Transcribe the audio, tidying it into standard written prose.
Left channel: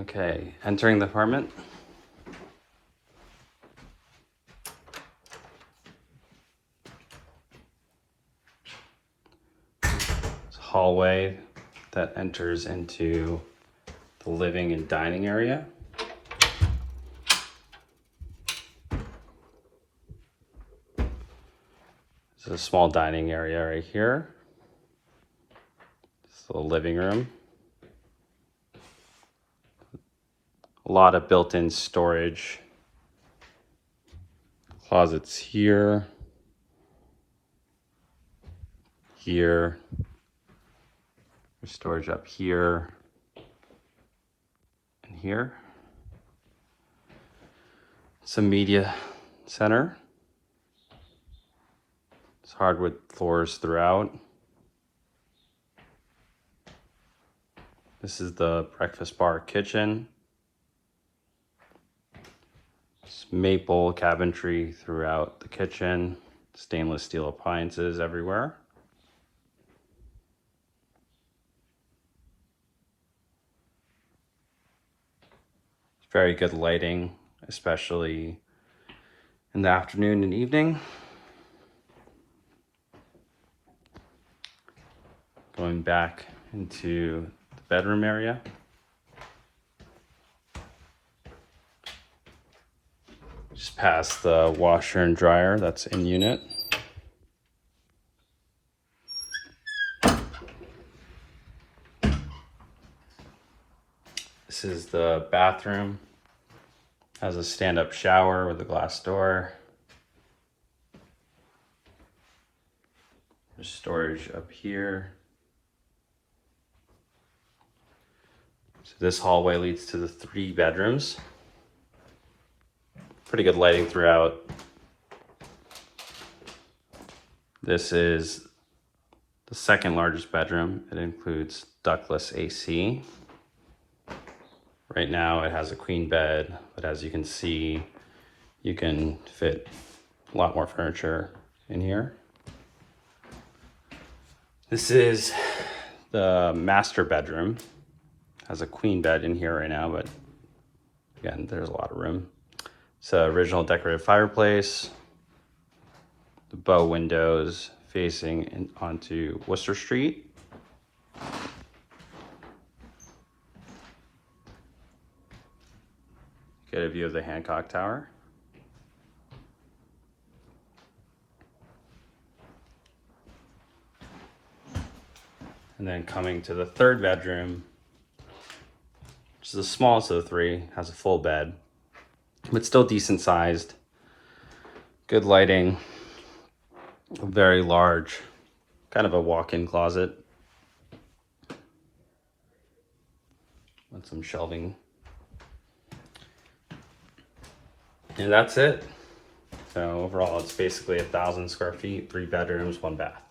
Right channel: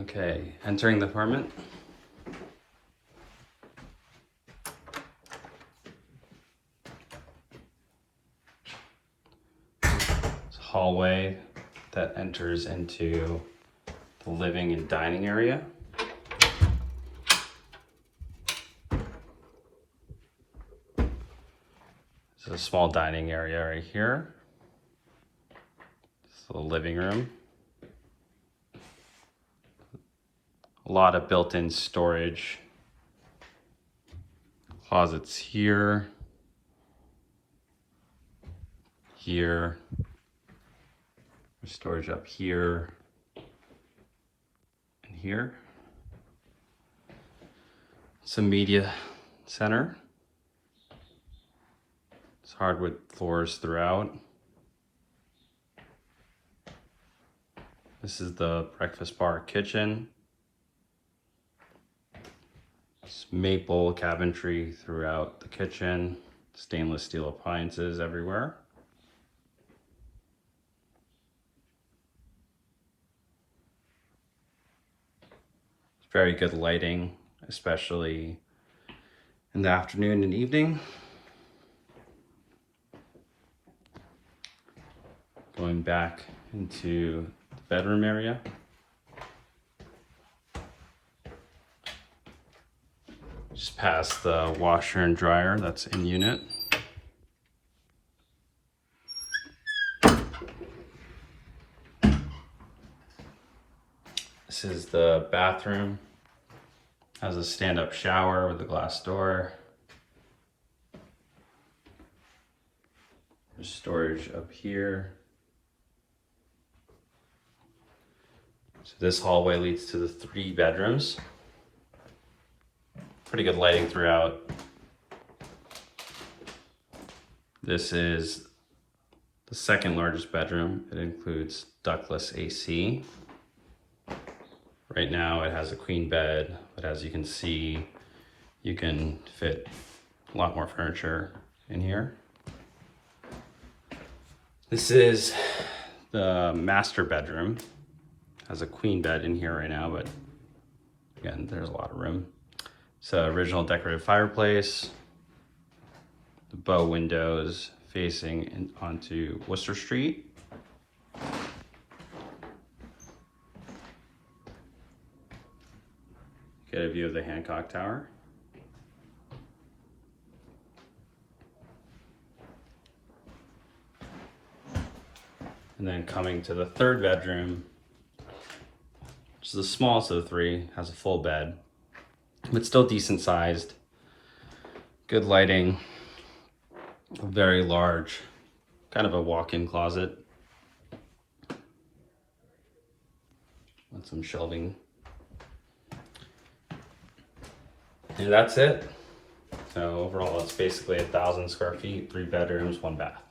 Okay, entering the apartment. Hallway that enters into the living and dining area. This is a small dining area right here. It's the living room. A lot of built-in storage. Closets here, here, storage up here, and here. Some media center. It's hardwood floors throughout. This is the breakfast bar kitchen. It's maple cabinetry throughout the kitchen. Stainless steel appliances everywhere. Very good lighting, especially in the afternoon and evening. Going back into the bedroom area. Just past the washer and dryer that's in unit. This is the bathroom. Has a stand-up shower with a glass door. There's storage up here. So this hallway leads to the 3 bedrooms. Pretty good lighting throughout. This is the second largest bedroom. It includes ductless AC. Right now it has a queen bed, but as you can see, you can fit a lot more furniture in here. This is the master bedroom. Has a queen bed in here right now, but again, there's a lot of room. It's an original decorated fireplace. The bow windows facing onto Worcester Street. Get a view of the Hancock Tower. And then coming to the 3rd bedroom, which is the smallest of the 3, has a full bed, but still decent sized. Good lighting, very large, kind of a walk-in closet. And some shelving. And that's it. So overall, it's basically 1,000 square feet, 3 bedrooms, 1 bath.